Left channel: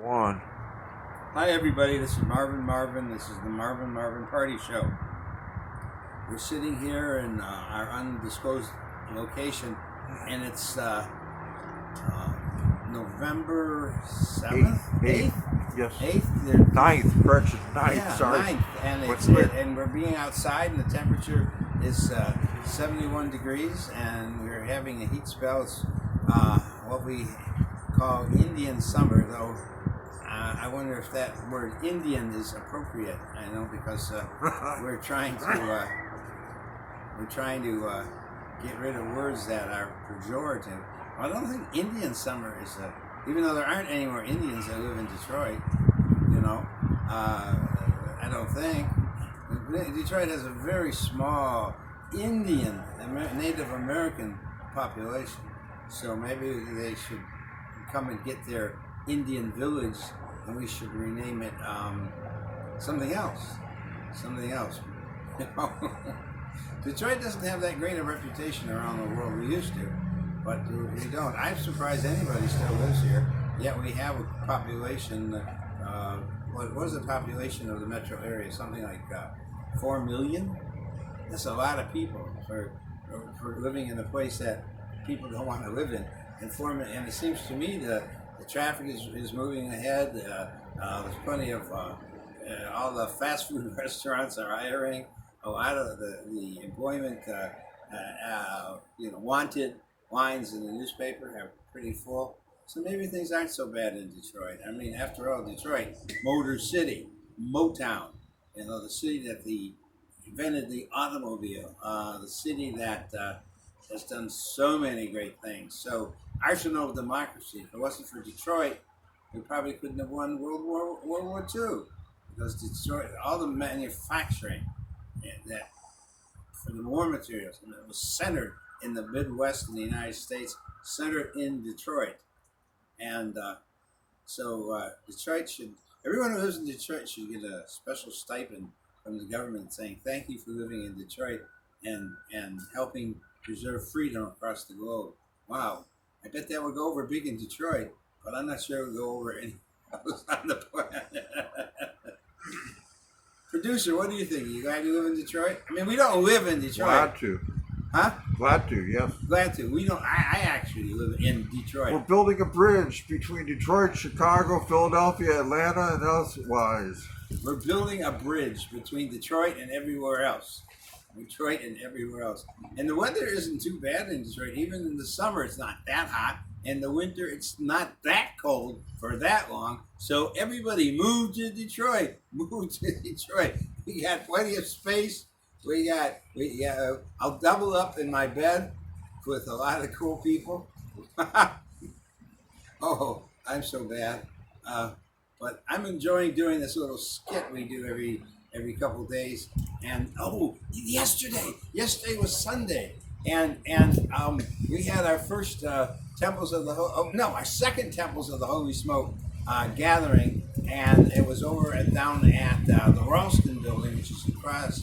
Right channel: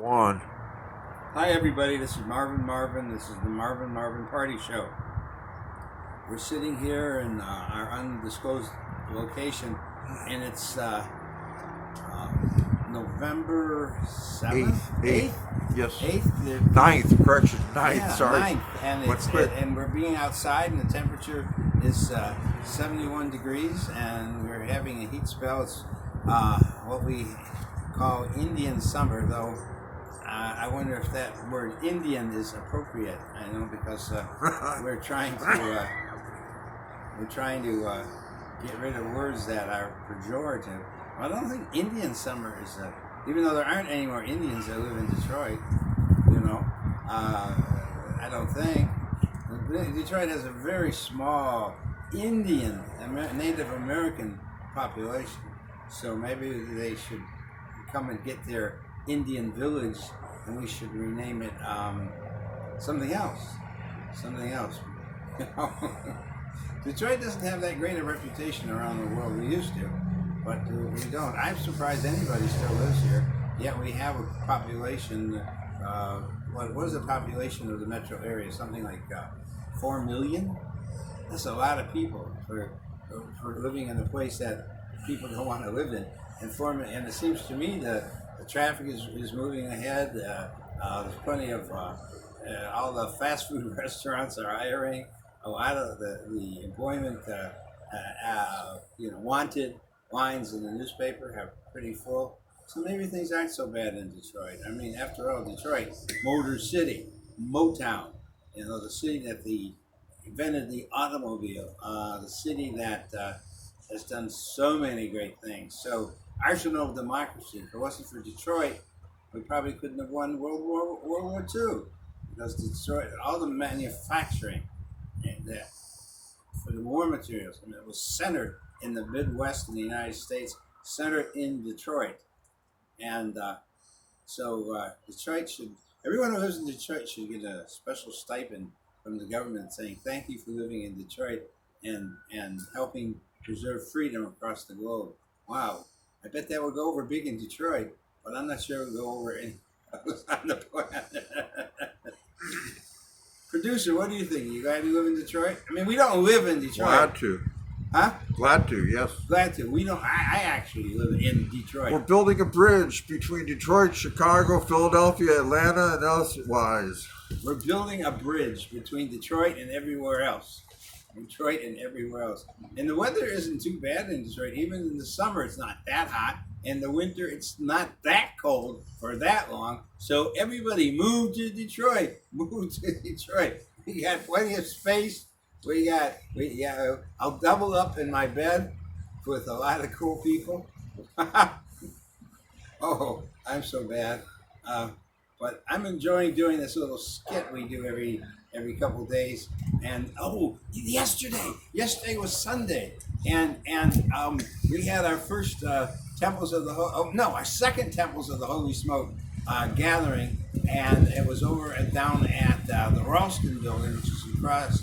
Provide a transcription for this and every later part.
One. Hi everybody, this is Marvin Marvin. This is the Marvin Marvin Party Show. We're sitting here in our undisclosed location, and it's November 7th? Eighth. Yes. 8th? Ninth. Correction. Ninth. Yeah, Sorry. 9th. And, and we're being outside, and the temperature is 71 degrees, and we're having a heat spell. It's what we call Indian summer, though. I wonder if that word Indian is appropriate. I know because we're trying to get rid of words that are pejorative. I don't think Indian summer is even though there aren't any more Indians that live in Detroit. You know, I don't think Detroit has a very small Indian Native American population. So maybe they should come and get their Indian village, and we should rename it something else. Something else. You know? Detroit doesn't have that great a reputation around the world. We used to, but we don't. I'm surprised anybody still lives here. Yet we have a population. What is the population of the metro area? Something like 4 million. That's a lot of people for living in a place that people don't want to live in. And it seems to me the traffic is moving ahead. There's plenty of all the fast food restaurants are hiring. A lot of the employment, wanted lines in the newspaper are pretty full. So maybe things aren't so bad in Detroit. I mean, after all, Detroit, Motor City, Motown, the city that invented the automobile, the city that has done so many great things. So arsenal of democracy. If it wasn't for Detroit, we probably couldn't have won World War II, because Detroit, all the manufacturing that for the war materials, and it was centered in the Midwest in the United States, centered in Detroit, and Detroit should. Everyone who lives in Detroit should get a special stipend from the government saying thank you for living in Detroit and helping preserve freedom across the globe. Wow. I bet that would go over big in Detroit, but I'm not sure it would go over any else on the planet. Producer, what do you think? You glad you live in Detroit? I mean, we don't live in Detroit. Glad to. Huh? Glad to, yes. Glad to. We don't. I actually live in Detroit. We're building a bridge between Detroit, Chicago, Philadelphia, Atlanta, and elsewise. We're building a bridge between Detroit and everywhere else. Detroit and everywhere else. And the weather isn't too bad in Detroit. Even in the summer, it's not that hot. In the winter, it's not that cold for that long. So everybody move to Detroit. Move to Detroit. We got plenty of space. I'll double up in my bed with a lot of cool people. Oh, I'm so bad. But I'm enjoying doing this little skit we do every couple days. And yesterday was Sunday, and we had our first our second Temples of the Holy Smoke gathering, and it was down at the Ralston building, which is across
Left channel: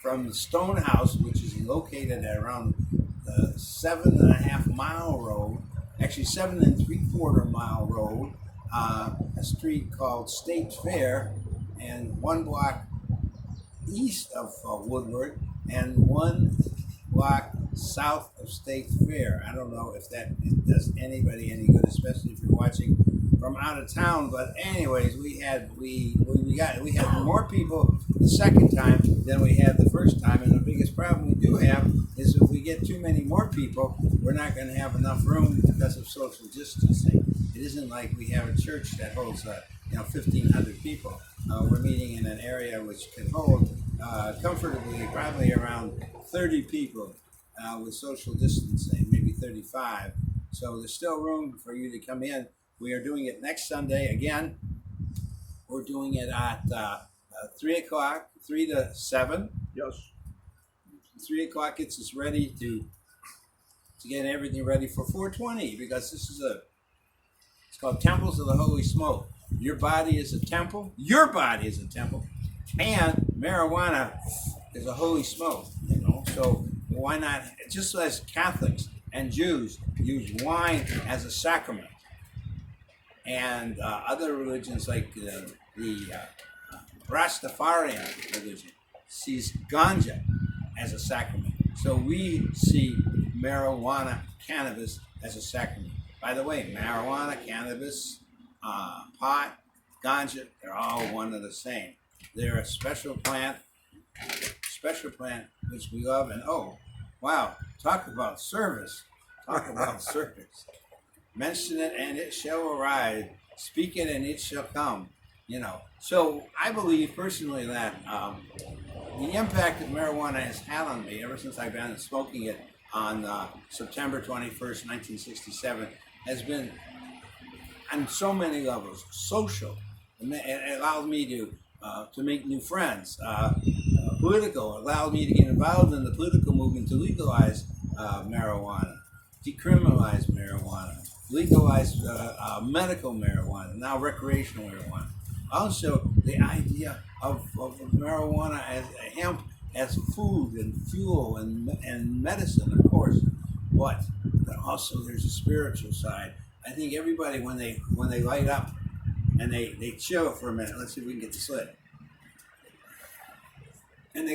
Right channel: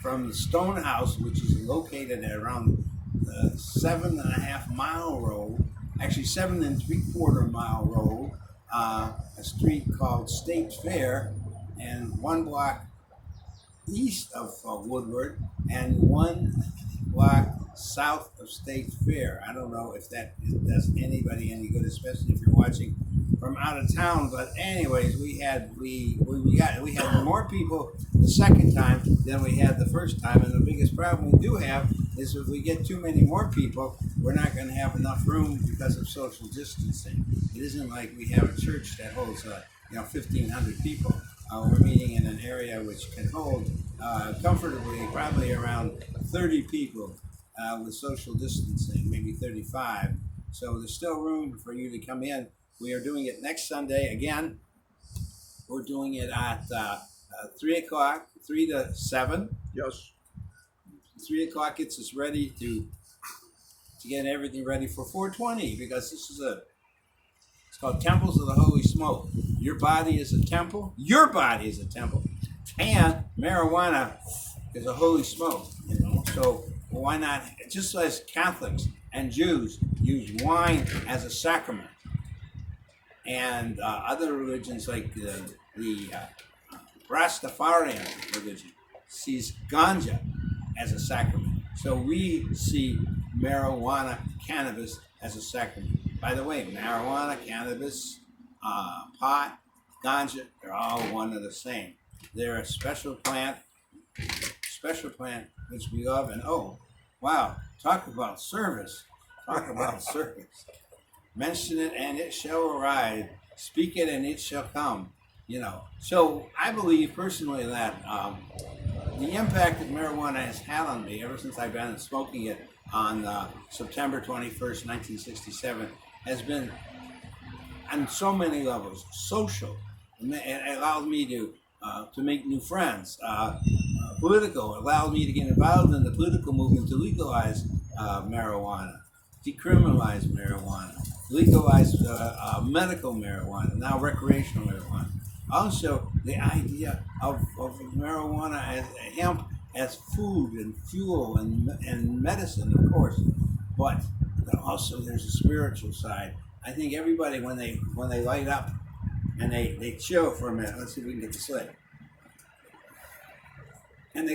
from the Stone House, which is located at around the 7.5 mile road, actually 7 3/4 mile road, a street called State Fair, and 1 block east of Woodward and 1 block south of State Fair. I don't know if that does anybody any good, especially if you're watching from out of town. But anyways, we had more people the second time than we had the first time, and the biggest problem we do have is if we get too many more people, we're not going to have enough room because of social distancing. It isn't like we have a church that holds 1,500 people. We're meeting in an area which can hold comfortably probably around 30 people with social distancing, maybe 35. So there's still room for you to come in. We are doing it next Sunday again. We're doing it at 3 o'clock, 3 to 7. Yes. 3 o'clock gets us ready to get everything ready for 420, because it's called Temples of the Holy Smoke. Your body is a temple. Your body is a temple. And marijuana is a holy smoke, So why not, just as Catholics and Jews use wine as a sacrament, and other religions like the Rastafarian religion sees ganja as a sacrament. So we see marijuana, cannabis as a sacrament. By the way, marijuana, cannabis, pot, ganja, they're all one and the same. They're a special plant which we love. And oh, wow, talk about service. Talk about service. Mention it and it shall arrive. Speak it and it shall come. You know, so I believe personally that the impact that marijuana has had on me ever since I've been smoking it on September 21st, 1967, has been on so many levels. Social. It allows me to make new friends. Political. It allows me to get involved in the political movement to legalize marijuana, decriminalize marijuana, legalize medical marijuana, now recreational marijuana. Also, the idea of marijuana as hemp as food and fuel and medicine, of course, but also there's a spiritual side. I think everybody when they light up and they chill for a minute. Let's see if we can get this lit. And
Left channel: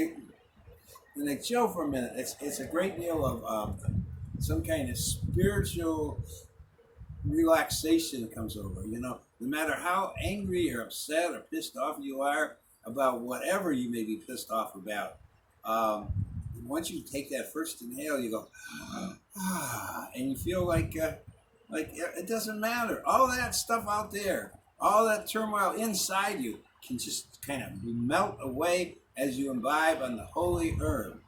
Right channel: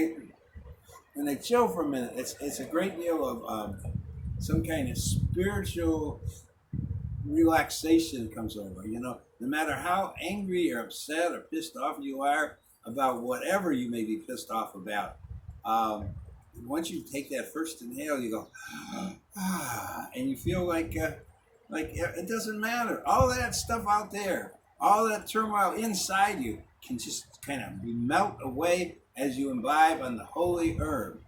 when they chill for a minute, it's a great deal of some kind of spiritual relaxation comes over. You know, no matter how angry or upset or pissed off you are about whatever you may be pissed off about, once you take that first inhale, you go, and you feel like it doesn't matter. All that stuff out there, all that turmoil inside you can just kind of melt away as you imbibe on the holy herb.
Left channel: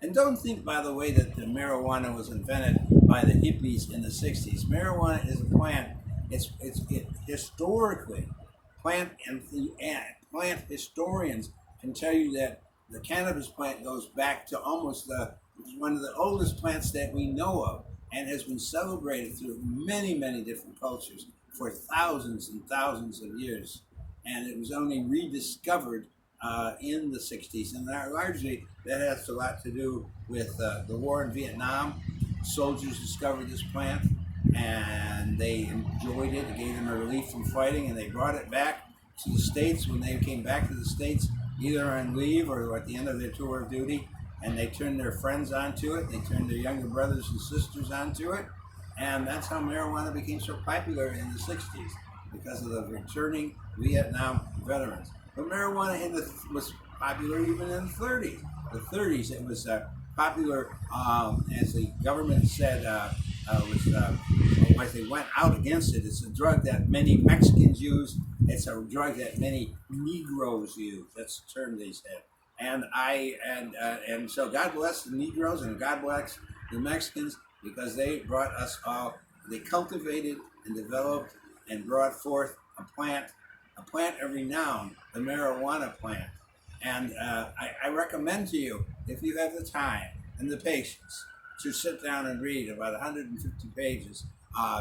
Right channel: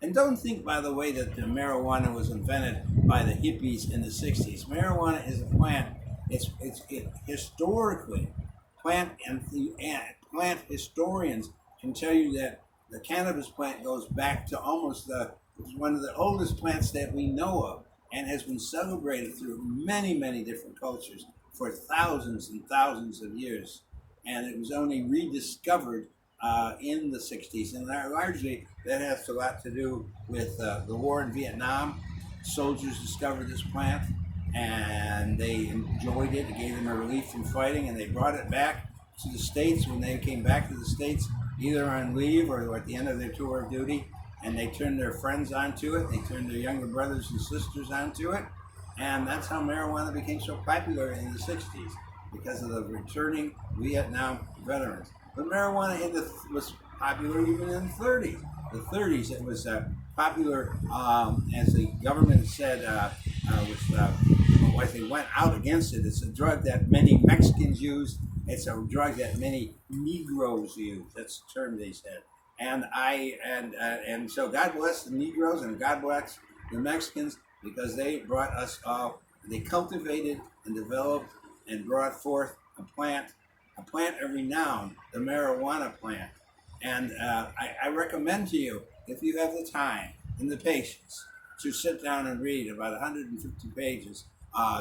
And don't think, by the way, that the marijuana was invented by the hippies in the 60s. Marijuana is a plant. It's historically, plant historians can tell you that the cannabis plant goes back to almost one of the oldest plants that we know of, and has been celebrated through many, many different cultures for thousands and thousands of years. And it was only rediscovered in the 60s, and largely that has a lot to do with the war in Vietnam. Soldiers discovered this plant and they enjoyed it. It gave them a relief from fighting, and they brought it back to the States. When they came back to the States, either on leave or at the end of their tour of duty, and they turned their friends onto it, they turned their younger brothers and sisters onto it, and that's how marijuana became so popular in the 60s, because of the returning Vietnam veterans. But marijuana was popular even in the 30s. The 30s, it was popular, as the government said, as they went out against it. It's a drug that many Mexicans use. It's a drug that many Negroes use. That's the term they said. And so God bless the Negroes and God bless the Mexicans, because they brought us all. They cultivated and developed and brought forth a plant of renown, the marijuana plant. And I recommend to you, if you have the time and the patience, to sit down and read about 150 pages.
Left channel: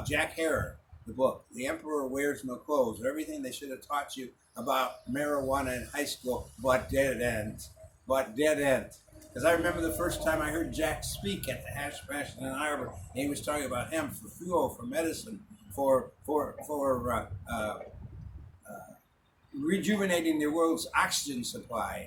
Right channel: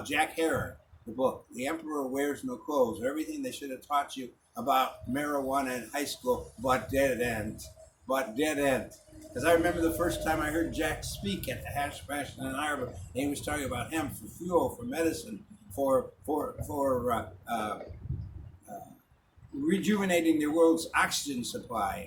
Jack Herer, the book, The Emperor Wears No Clothes, everything they should have taught you about marijuana in high school, but dead end. Because I remember the first time I heard Jack speak at the Hash Bash in Ann Arbor, and he was talking about hemp for fuel, for medicine, for rejuvenating the world's oxygen supply.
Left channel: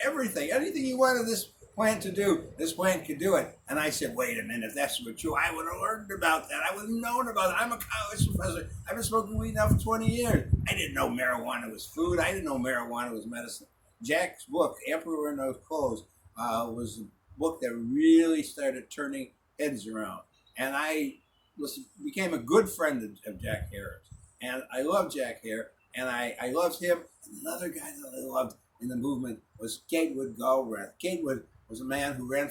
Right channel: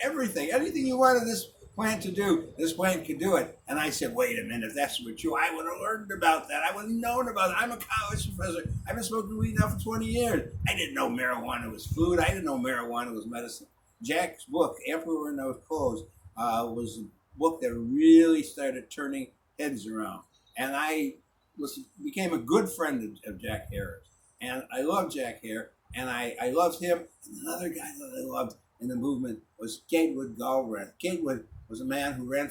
Anything you wanted this plant to do, this plant could do it. And I said, wait a minute, if that's true, I would have learned about that. I would have known about it. I'm a college professor. I've been smoking weed now for 20 years. I didn't know marijuana was food. I didn't know marijuana was medicine. Jack's book, Emperor No Clothes, was a book that really started turning heads around. And I became a good friend of Jack Herer. And I love Jack Herer. And I loved him. And another guy that I loved in the movement was Gatewood Galbraith. Gatewood was a man who ran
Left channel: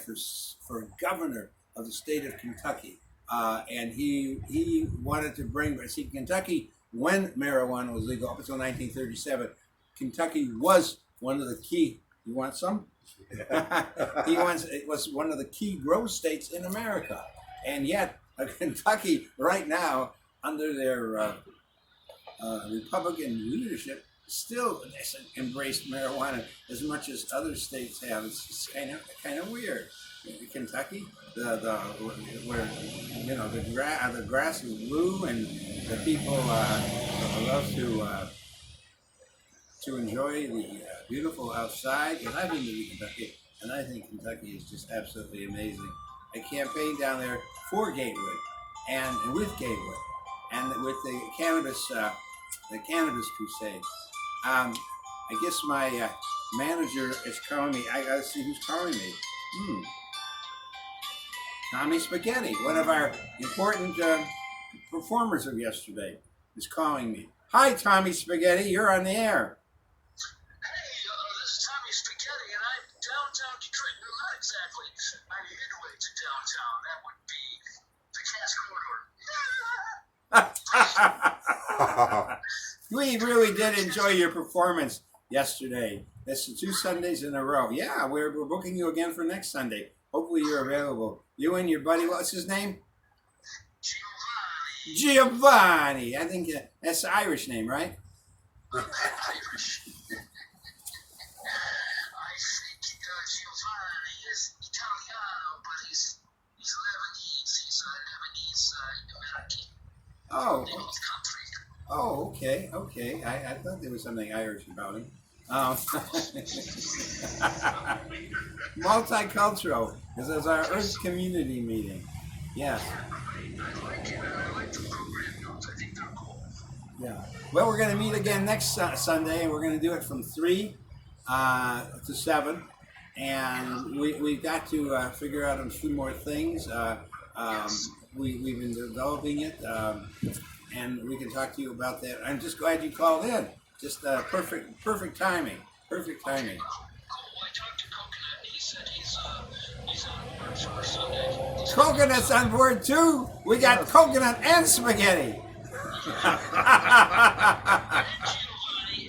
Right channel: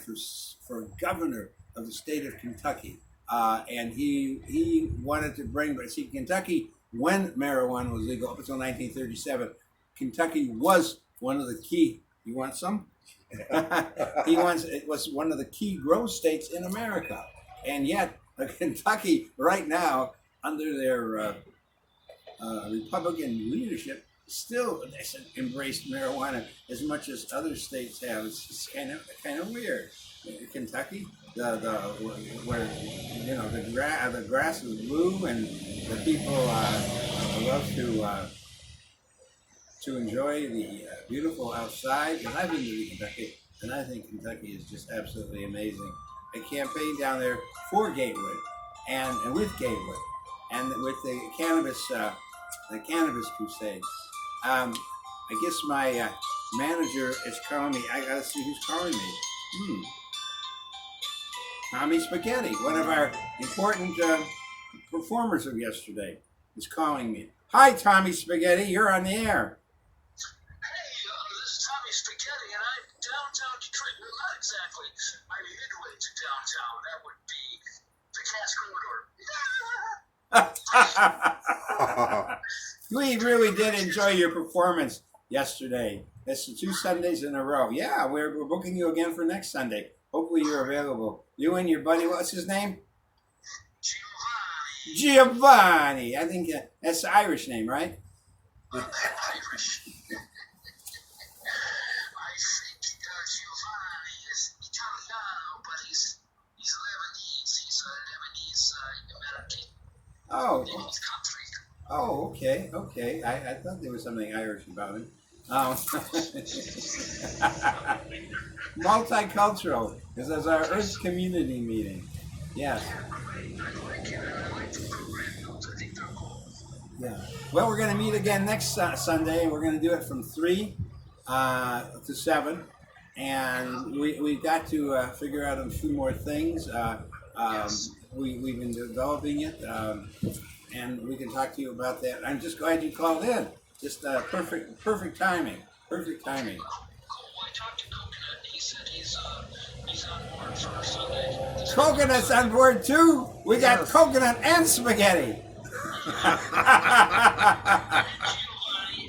for governor of the state of Kentucky. And he wanted to bring, Kentucky, when marijuana was legal up until 1937, Kentucky was one of the key, you want some? It was one of the key growth states in America. And yet, Kentucky right now, under their Republican leadership, still hasn't embraced marijuana as much as other states have. It's kind of weird. Kentucky, the where the grass is blue and the people love to enjoy the beautiful outside. Because I've been to Kentucky, and I think Kentucky is just absolutely amazing. I campaigned down there for Gatewood, and with Gatewood, and with the cannabis crusade. I guess my manager is calling me. I gotta see who's calling me. Tommy Spaghetti, one of our important performers of yesterday, is calling me. Hi, Tommy Spaghetti, you're on the air. Hey, this is Tommy Spaghetti, and I'm downtown Detroit. Well, not exactly. I'm midway to downtown. That would be the Cass Corridor. We really did enjoy your performance yesterday. That's 2 Sundays in a row. Yeah, we're booking you again for next Sunday. Hopefully you're available. You and your buddy, what's his name? Giovanni. I think that's the Irish name, right? Irish. I think Giovanni is Italiano, but he's Lebanese. He's a Lebanese American. Oh. Country. Oh, okay. I thought there was something Irish about him. Multicultural, because that's our Earth community meeting. Yes. I like it. I like the program notes. I think they're cool. Yeah. Well, we're going to meet again next Sunday, and we're going to do it from 3 to 7. And we've got to figure out a few more things. We've been developing it, and we can talk to you about that. I'm just glad you called in. Just perfect timing. Perfect timing. Cool. I talked to Coconut, and he said he's on board for Sunday. Coconut's on board too. We got coconut and spaghetti. And Giovanni,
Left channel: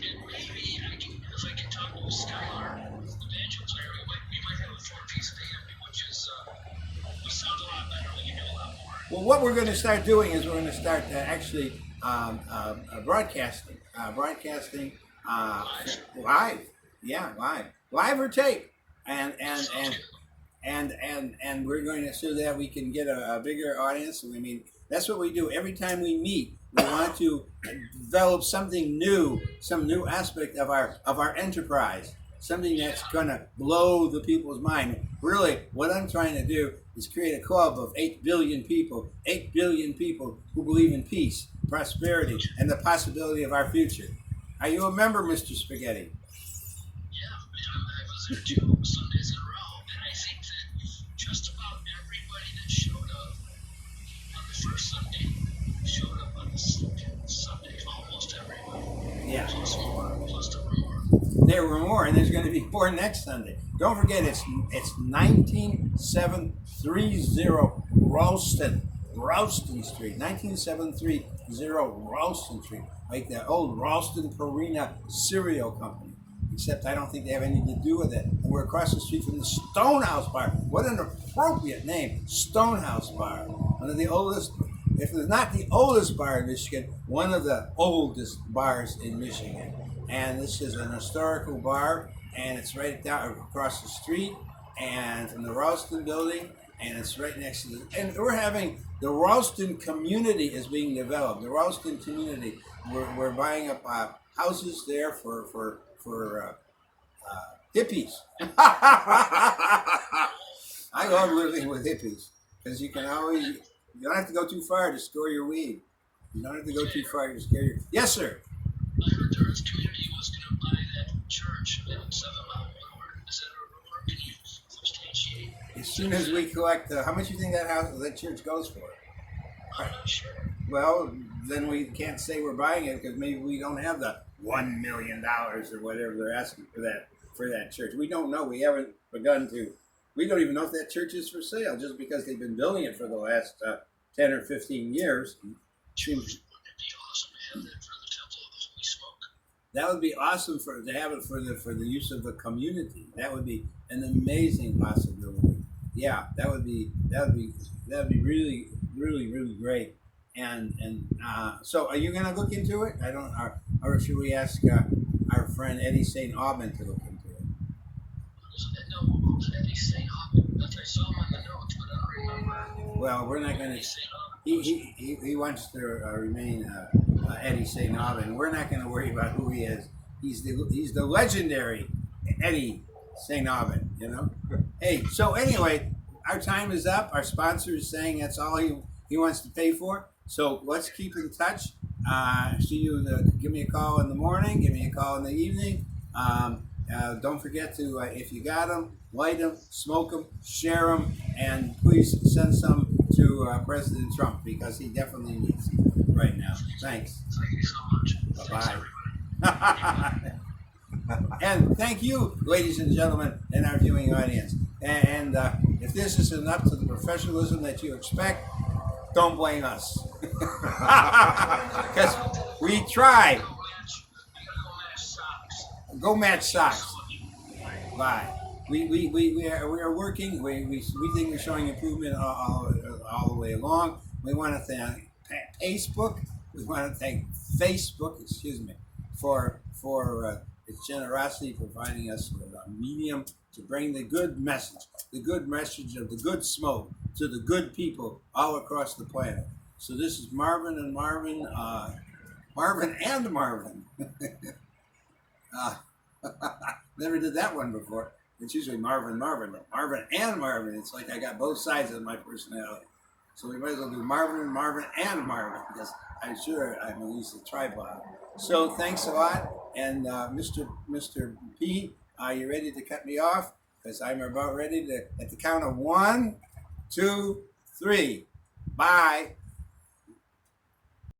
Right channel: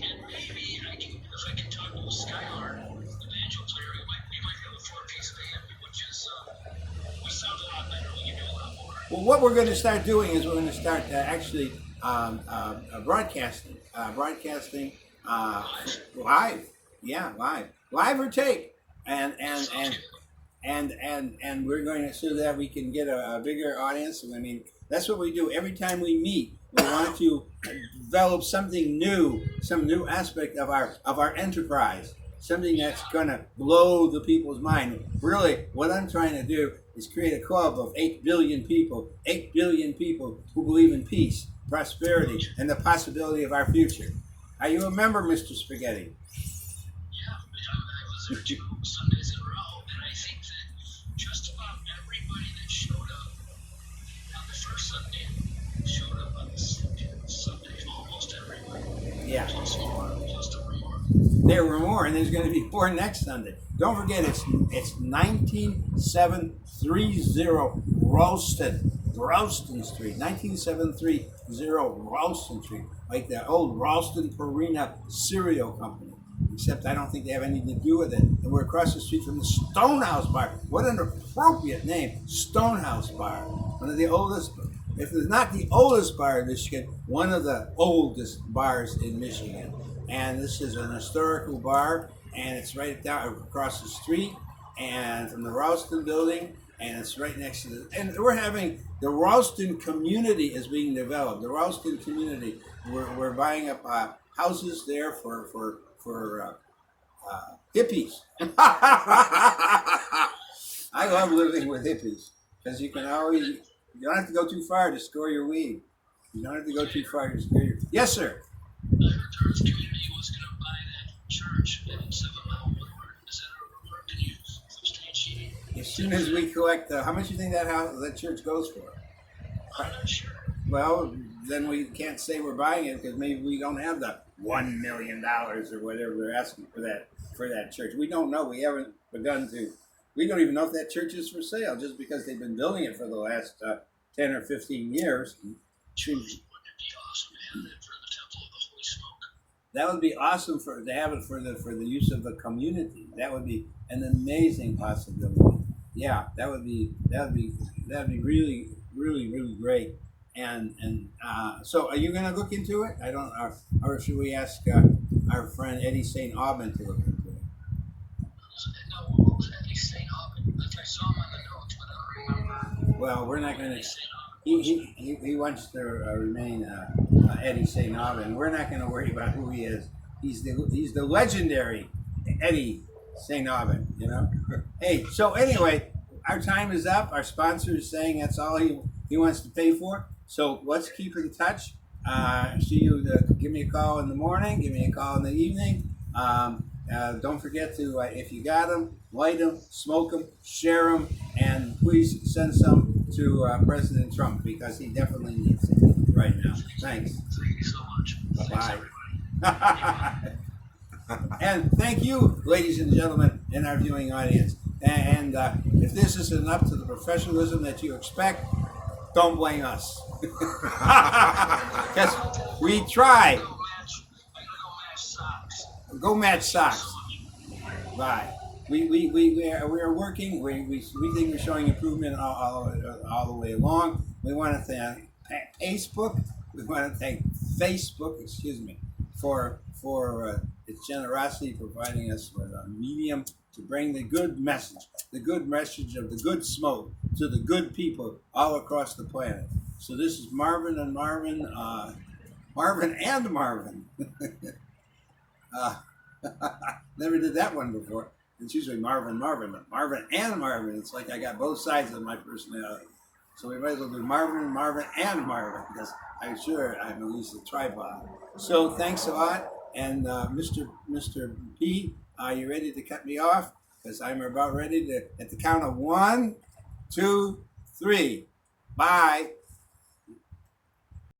and maybe if I can talk to Skylar, the banjo player, we might have a 4-piece band, which is we sound a lot better. We can do a lot more. Well, what we're going to start doing is we're going to start actually broadcasting live. Yeah, live or tape, and we're going to so that we can get a bigger audience. I mean, that's what we do every time we meet. We want to develop something new, some new aspect of our enterprise, something that's going to blow the people's mind. Really, what I'm trying to do is create a club of 8 billion people who believe in peace, prosperity, and the possibility of our future. Are you a member, Mr. Spaghetti? Yeah, I was there 2 Sundays in a row, and I think that just about everybody that showed up on the first Sunday showed up on the second Sunday. Almost everybody. Yeah. Plus there were more. There were more, and there's going to be more next Sunday. Don't forget, it's 19730 Ralston Street, 19730 Ralston Street, like the old Ralston Purina cereal company. Except I don't think they have anything to do with it. And we're across the street from the Stonehouse Bar. What an appropriate name, Stonehouse Bar. One of the oldest, if it's not the oldest bar in Michigan, one of the oldest bars in Michigan. And this is an historical bar, and it's right down across the street, and from the Ralston building, and it's right next to and we're having the Ralston community is being developed. The Ralston community, we're buying up houses there for hippies. I love living with hippies because you don't have to go too far to score your weed. You don't have to go too far to score your. Yes, sir. I heard the Earth community was going to buy that church in 7 Mile Woodward. Is that a rumor? Can you substantiate? As soon as we collect, how much do you think that church goes for? I'm not sure. Well, then we can't say we're buying it because maybe we don't have the $1 million or whatever they're asking for that church. We don't know. We haven't begun to. We don't even know if that church is for sale just because they've been building it for the last 10 or 15 years. Wouldn't it be awesome to have that for the Temple of the Holy Smoke? That would be awesome to have it for the use of the community. That would be an amazing possibility. Yeah, that would be really, really, really great. So, are you going to look into it? I don't. Or should we ask our friend Eddie St. Aubin to look into it? No, who's Eddie St. Aubin? I saw him on the notes, but I don't remember. Well, we're not going Eddie to. St. Aubin. He wants to remain Eddie St. Aubin. We're not going to worry about who he is. He's the legendary Eddie St. Aubin. You know. Hey, so anyway, our time is up. Our sponsor is saying that's all he wants to pay for. So let's keep in touch. See you. Give me a call in the morning. Give me a call in the evening. Don't forget to, if you got them, light them, smoke them, share them, and please send some to President Trump because he definitely needs them right now. Thanks. Thank you so much. Bye-bye. And thank you, ladies and gentlemen, in our viewing audience. And if this isn't up to the professionalism that you expect, don't blame us. Because we try. I gotta go match socks. Go match socks. Bye. We are working. We think we're showing improvement all the way along. We want to thank Facebook. We want to thank Facebook. Excuse me, for its generosity, providing us with a medium to bring the good message of the good smoke to the good people all across the planet. So this is Marvin and Marvin, Marvin and Marvin. Never did that one before. It's usually Marvin Marvin, but Marvin and Marvin. It's like I got both sides of my personality. So we might as well do Marvin Marvin and Marvin because I'm sure I'm at least a tripod. So thanks a lot. And Mr. P, are you ready to cut me off? Because I'm about ready to, at the count of 1, 2, 3. Bye.